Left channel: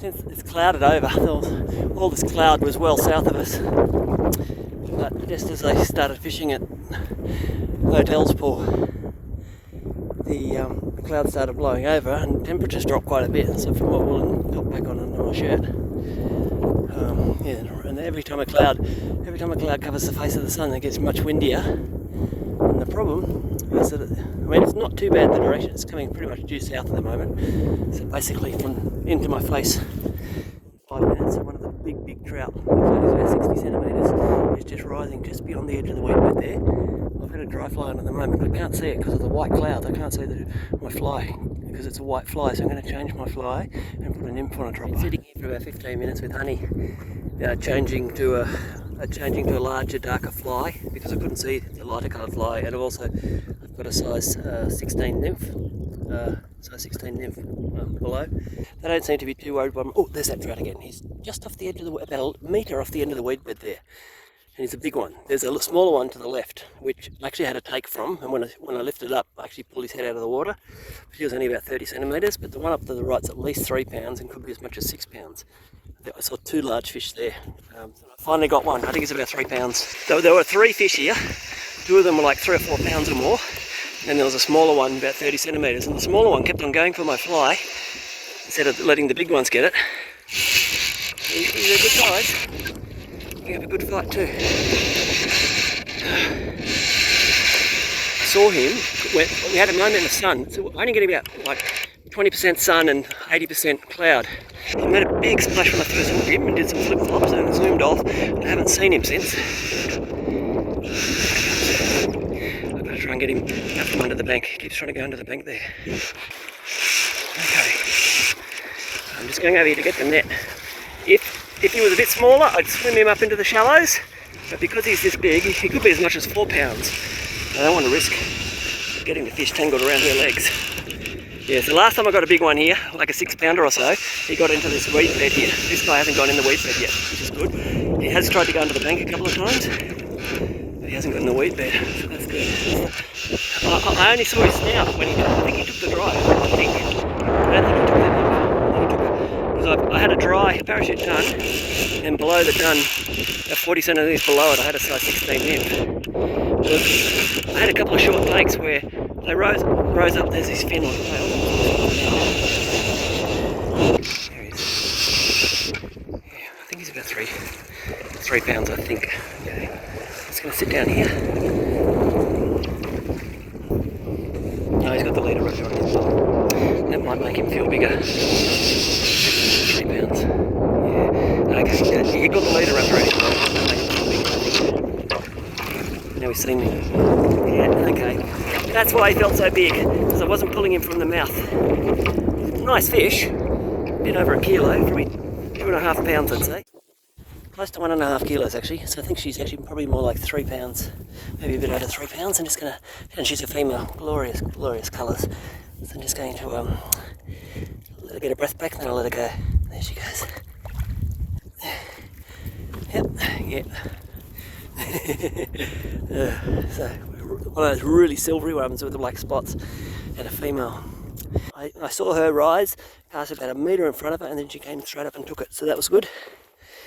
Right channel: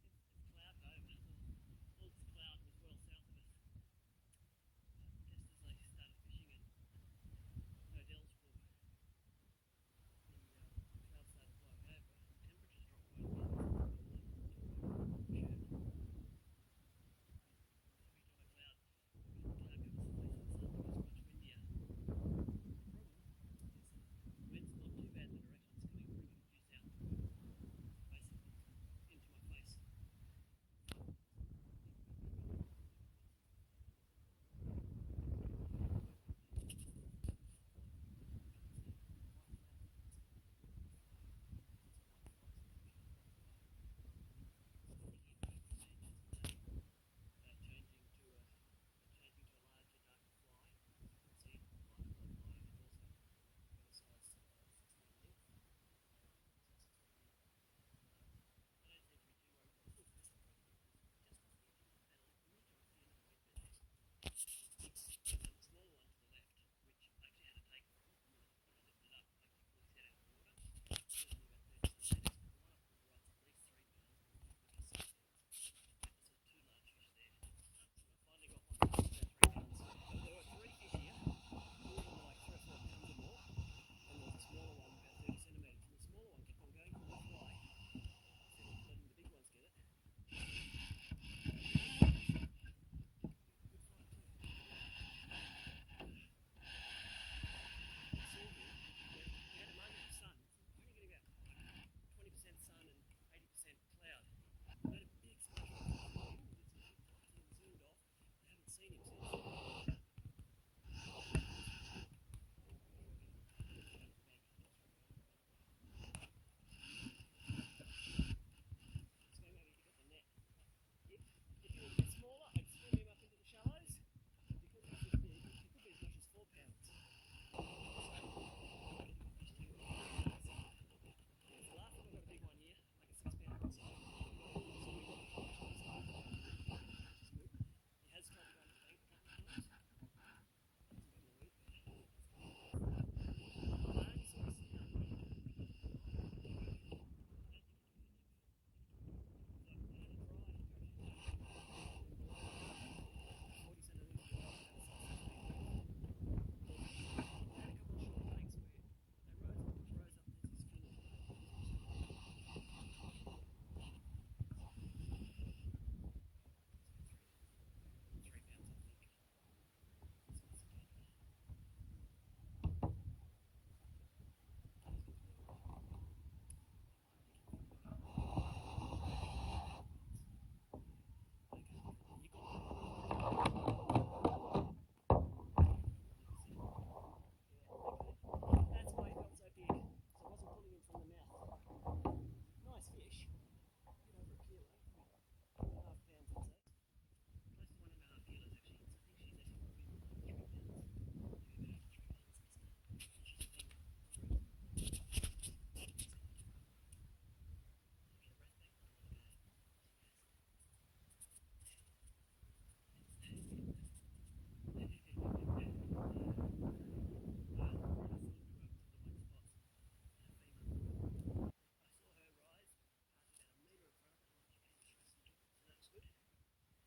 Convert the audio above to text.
since it's clouded over, all this cloud was well south of us. But just as I started fishing at Hotels Pool, the clouds started blowing over and temperatures dropped quite a bit. So from my woolen got back on under my shirt. And every time a cloud covers the face of the sun, it gets much windier. And the problem is that it's not too bad the direction. It's coming pretty much due south at the moment. So basically from into my face, 5 minutes. So one of the big trout, about 60 centimetres, is just rising just beyond the edge of the weed bed there. I've got a dry fly on at the moment. I can't see it because of the white clouds. I can't see my fly because it's a white fly. So I'm going to change my fly and put a nymph on a dropper. Sitting here for about 15 minutes with honey, changing to a larger, darker fly because I couldn't see the lighter coloured fly, and I've got a size 16 nymph. Below. They don't seem to be too worried about him. Oh, there's that trout again. He's just off the edge of about a metre off the end of the weed bed there. And he's a big one. There's a smaller one to the left, which I actually had to take from, and when I lifted up, I actually pulled his head out of the water. She was only about 30 centimetres, but the one up to the right's at least 3 pounds and could be as much as 6 pounds. I saw 2 large fish there. I finally got one. I think it's about 3 pounds. There were 3 fish here. 2 of them were like 3 or 4 pounds or more. And there was a smaller one, about 30 centimetres, and the smaller one kept on going for my fly instead of letting the big ones get it. He's a good size. He have a good fight too. I saw him when we had a moment in the sun, so I only getting about like 20% sun and 80% cloud. He made a big splash when I first hooked him and did some flip flops and zoomed off. I haven't seen him since. Try and get him out from under the bank. He keeps trying to go under the bank there. Okay. I'm just going over here to get the net. If he was a bit smaller, I'd swim him up into the shallows, but because he's this big, he could be as much as 4 pounds. I don't want to risk getting the fish tangled around her legs. Yeah, so last time I got a big one here, like a 6 pounder or so, he got into this weed bed here. This guy hasn't gone in the weed bed yet, which is good. He has tried to go under the bank a couple of times. He hasn't got in the weed bed, so that's good. I only saw his snout when I think he took the dry. I don't think he took that. Because I had a dry parachute ton, and below the ton, about 40 centimetres below it, I had a size 16 nymph. I had a couple of short takes where they rose up. There's this fin on the tail. There he is. Yeah, I think he's about 3 pounds, I think. Okay. Just going to sit down here. No, he's got the leader right on his bottom. That might make him feel bigger. 3 pounds. Yeah. Okay, he got the leader up already. Now he's seen me. Yeah, okay. That's why he felt so big, because I wasn't pulling him from the mouth. Nice fish. A bit over a kilo, probably 2.5 pounds, I'd say. Close to 1.5 kilos actually, so I think she's actually probably more like 3 pounds, maybe a bit over 3 pounds. I'm just gonna, and she's a female, glorious colours. So I'm just going to let her get her breath back, and then I'll let her go. There she goes. Yep. So one of those really silvery ones with the black spots, and a female. I saw her rise, cast about a metre in front of her, and then she came straight up and took it. So that was good.